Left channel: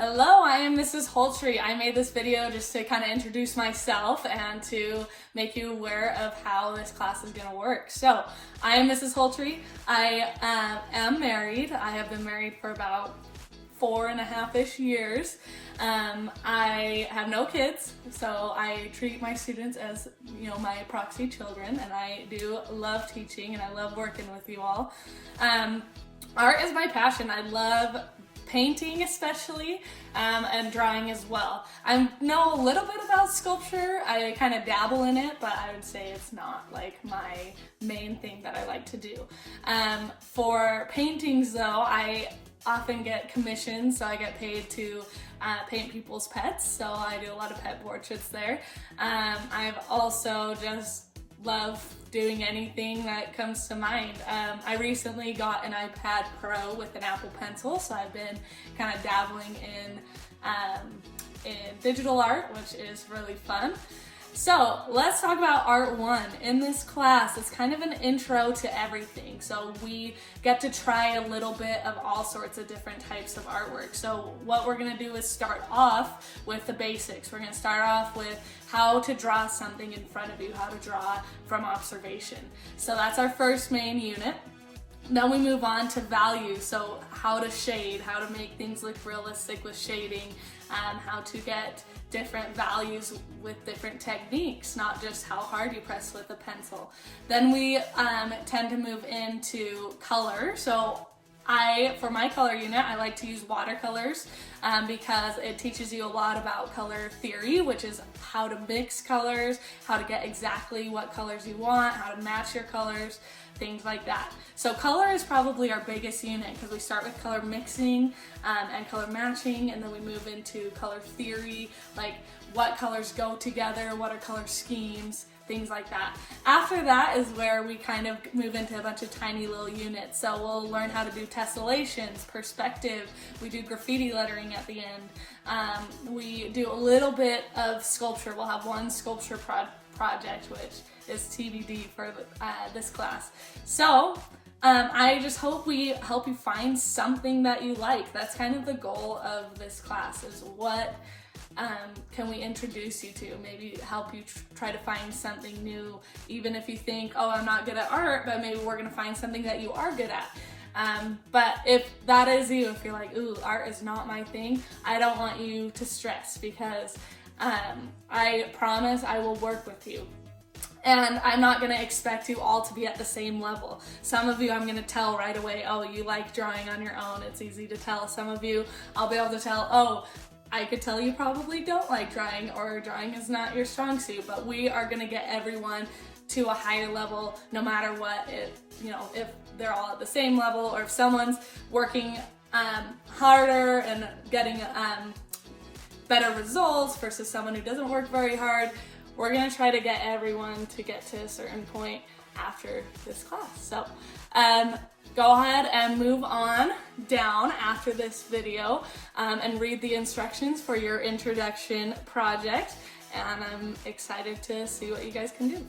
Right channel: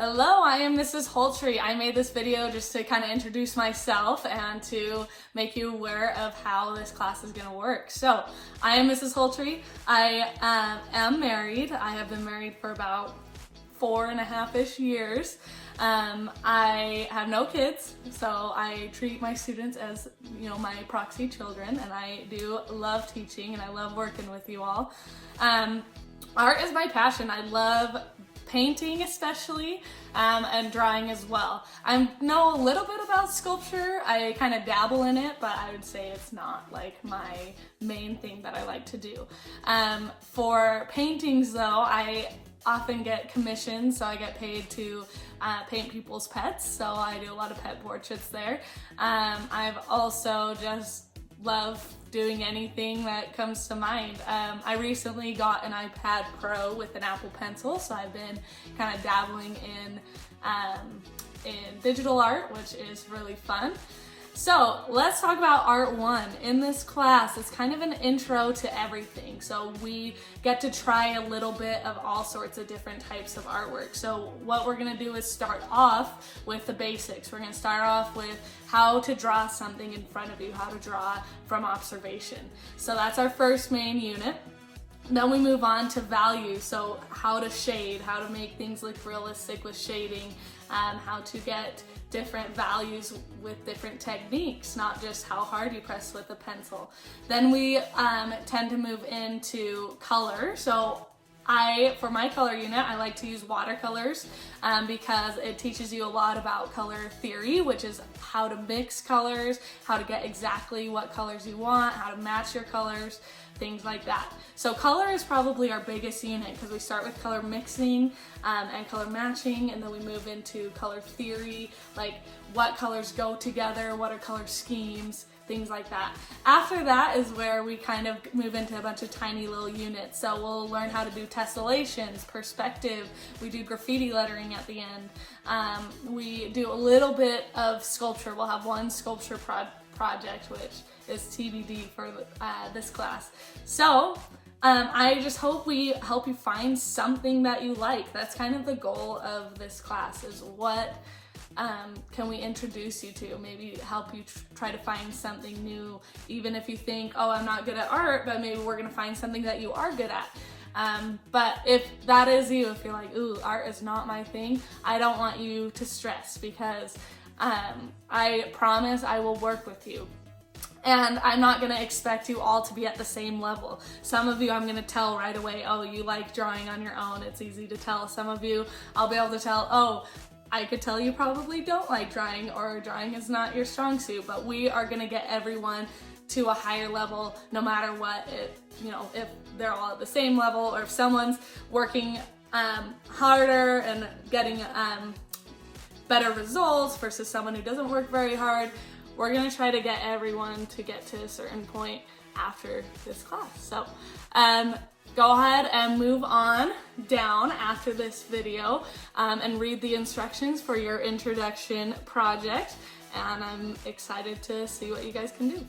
Hello, I am Mrs. Holtree. I made this video just to kind of introduce myself and to make you aware of how this class is going to work. So, I am Mrs. Holtree. I am married. I have been married for about 4.5-ish years. I have no kids, so I treat my students as, my proxy children, and I do love teaching and I love working with you all. Art is my passion. I love painting especially, and drawing as well. I know a little bit about sculpture. I kind of dabble in it, but I would say it's not like my main thing that I like to do. For paintings though, I often get commissions, so I get paid to paint people's pets, so I do a lot of pet portraits there. I've also just love doing anything that comes to mind. I recently got an iPad Pro with an Apple Pencil, so I've been kind of dabbling in digital art, which is really fun. So let's talk about Art 1. In this class, it's kind of an intro to everything. So we get to try a little bit of all sorts of different types of artwork. So what we're gonna do is start off with the basics. We're gonna start off with how to draw something in front of you, how to draw from observation. So that's our first main unit. Then we move on to value, so how to shade, how to make things look realistic with shading, how to get different values with different techniques, not just how hard you press with a pencil. Then we tend to move into color. So for my color unit, I like to use watercolors because it teaches you a lot about color theory, which is how to mix colors, how to get exactly what colors you want, how to match your colors, things like that. So color is probably our biggest unit because we start with color mixing and color matching, and then we move into color theory, like what colors go together, what are color schemes, things like that. After that is where we kind of move into a bunch of tiny little units. So we'll learn how to do tessellations, perspective, we do graffiti lettering at the end. We do a little bit of sculpture. We'll have one sculpture project, which is TBD for this class. So I just hope we help you find something that you like. That's kind of the goal of this class, is what can we introduce you to, maybe help you try to find something new, even if you think, oh, I'm not good at art, but maybe we're gonna find something that you are good at. But if that is you, if you're like, ooh, art is not my thing, I don't want you to stress, because I promise I will work with you. And I'm not gonna expect you all to be at the same level. Some of you I'm gonna tell right away, oh, you like drawing on your own, it's easy to tell. Some of you I'll be able to tell, oh, I could tell you probably don't like drawing, or drawing is not your strong suit, but we are gonna get everyone to a higher level no matter what. If they're all at the same level, or if someone's working harder and getting better results versus someone who doesn't work very hard, we're gonna try to get everyone to get to a certain point after this class. So go ahead and move on down after this video and read the instructions for your introduction project, and I'm excited to see what you guys can do.